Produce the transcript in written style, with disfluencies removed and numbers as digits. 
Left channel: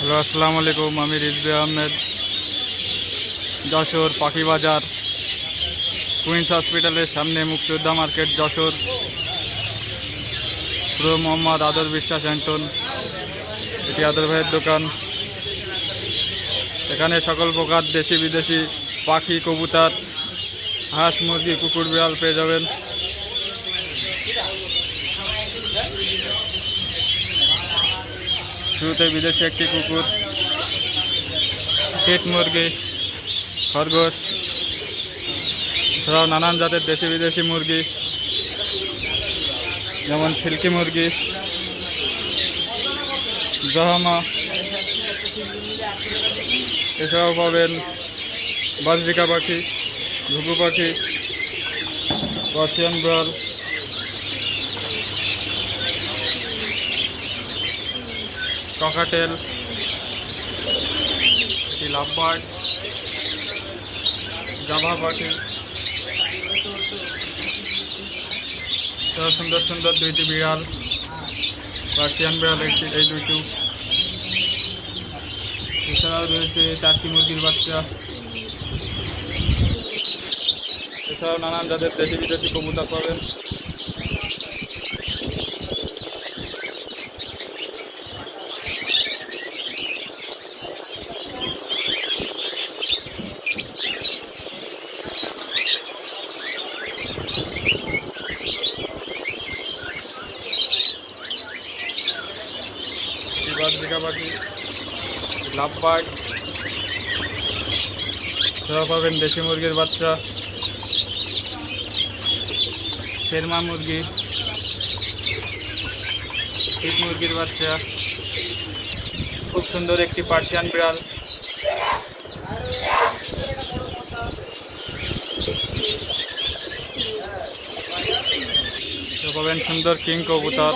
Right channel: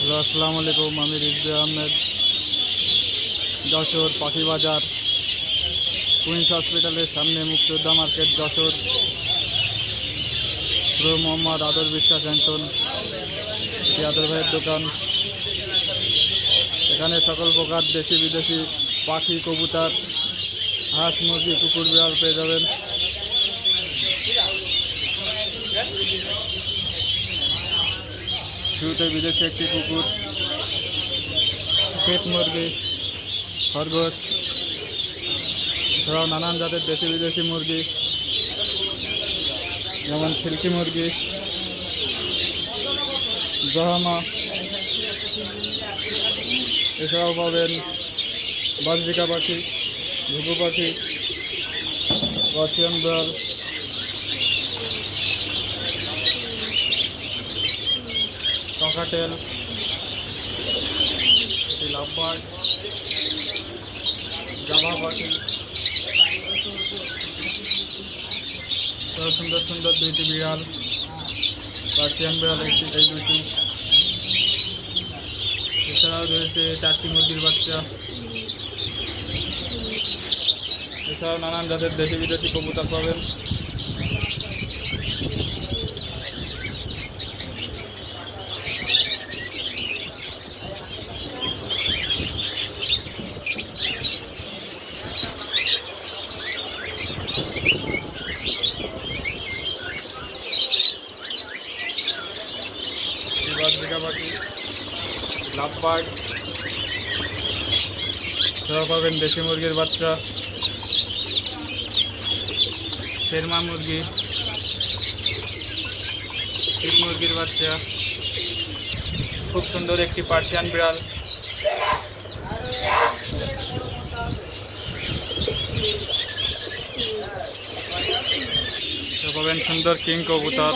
হ্যালো, আসসালামু আলাইকুম। আমি রিজভি আহমেদ, যশোর পাখি বাজার, কুইন্স হসপিটালের সামনে, মুক্তিযোদ্ধা মার্কেট, যশোর। প্রো মোহাম্মদ আদর বিশ্বাস অ্যান্টন, এটি আদর ভাইয়ের দোকান। এখানে সকল প্রকার দেশি বিদেশি পাখি, কবুতর, হাঁস, মুরগি, কুকুর, বিড়াল পেয়ে যাবেন। শুরুতে বিদেশি একটি কুকুর, পেট মুরগি, খরগোশ, এছাড়াও নানান জাতের দেশি বিদেশি মুরগি, যেমন সিল্কি মুরগি, জাহামা। এছাড়াও পাবেন বাজরিকা পাখি, ঘুঘু পাখি, পার্সিয়ান বিড়াল, ককাটেল, এটি লাভবার্ড, জাভা পাখি, সুন্দর সুন্দর দুইটি বিড়াল, পার্সিয়ান বিড়াল এই দুইটি। এছাড়াও রয়েছে চারটি মুরগির বাচ্চা। এছাড়াও নানান জাতের দেশি বিদেশি কবুতর পাবেন। বাজরিকা পাখি, লাভবার্ড, এছাড়াও পাবেন দেশি মুরগির বাচ্চা, শেরমা মুরগি, চিক মুরগির বাচ্চা, খুব সুন্দর একটি পার্সিয়ান বিড়াল, পাবেন সুন্দর কিং কবুতর।